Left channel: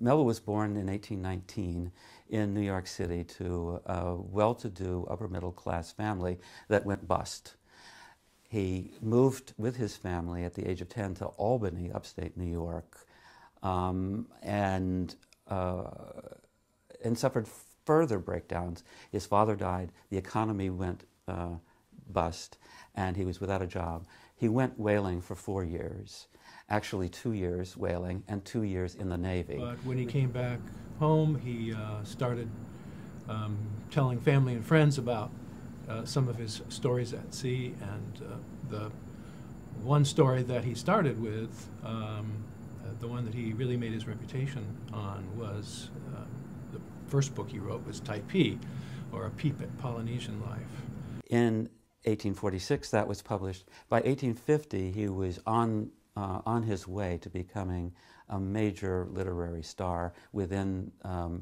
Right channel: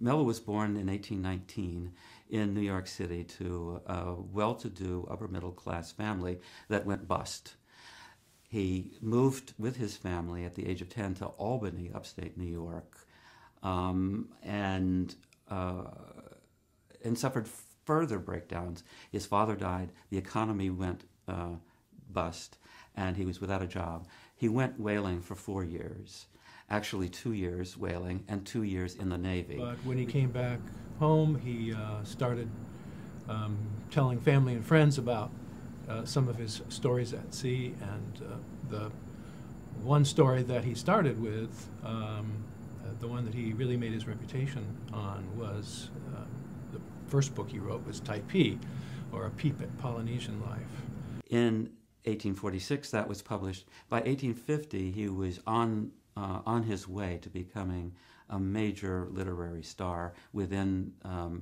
Melville was born in 1819 in New York City to a well-to-do upper-middle-class family that went bust. He moved with his family at the age of 10 to Albany, upstate New York, and suffered further breakdowns. His father died, the economy went bust, and he was without a job. He went whaling for 4 years, actually 2 years whaling and 2 years in the Navy. But when he came back home, he started telling family and friends about some of his stories at sea, and the one story that he started with, the one that he really made his reputation on, was the first book he wrote was Taipei, or A Peep at Polynesian Life. In 1846, that was published. By 1850, he was on his way to becoming a major literary star within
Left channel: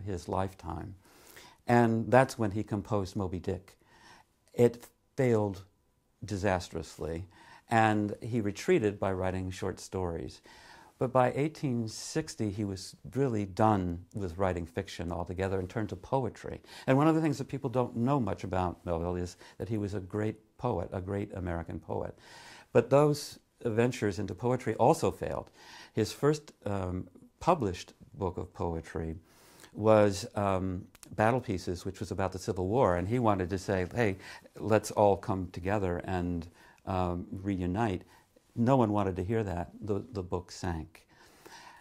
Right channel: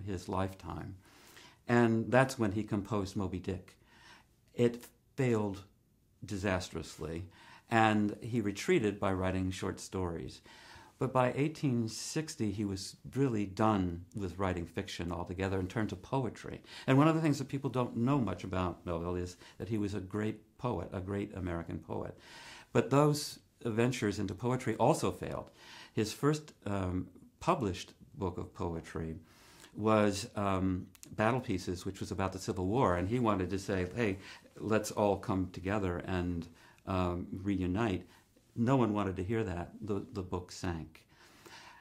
his lifetime. And that's when he composed Moby-Dick. It failed disastrously, and he retreated by writing short stories. But by 1860, he was really done with writing fiction altogether and turned to poetry. And one of the things that people don't know much about Melville is that he was a great poet, a great American poet. But those ventures into poetry also failed. His first published book of poetry was Battle Pieces, which was about the Civil War, and he wanted to say, hey, let's all come together and reunite. No one wanted to hear that. The book sank.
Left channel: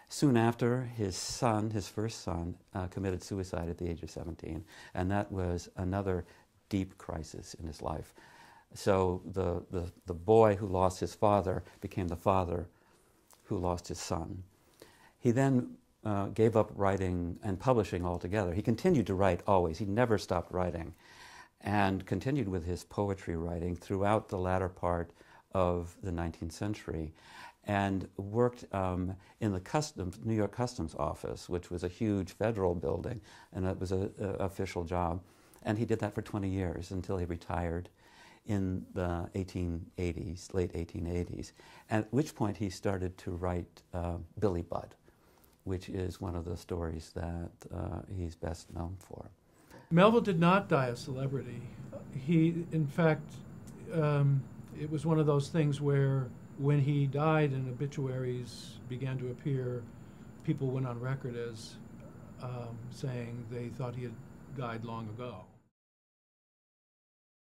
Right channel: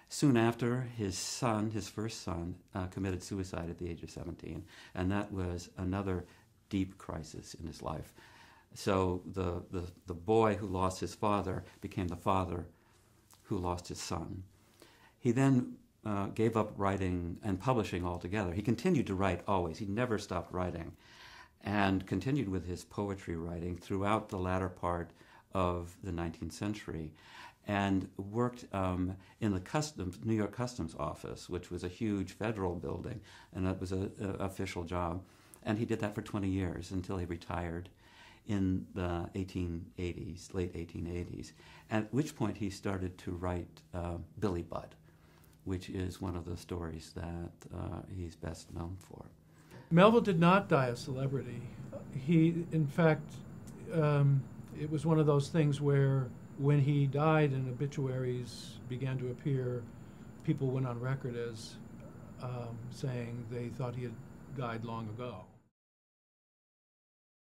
Soon after, his first son, committed suicide at the age of 17, and that was another deep crisis in his life. So the boy who lost his father became the father who lost his son. He then gave up writing and publishing altogether. He continued to write always. He never stopped writing, and continued with his poetry writing throughout the latter part of the 19th century, and worked in the New York Customs Office, which was a huge federal building, and that was an official job. And he did that for 20 years until he retired in the 1880s, late 1880s, at which point he started to write Billy Budd, which is one of the stories that he's best known for. Melville did not die a celebrity. He, in fact, it was one of those things where when he died and obituaries began to appear, people went on record as saying they thought he had died long ago.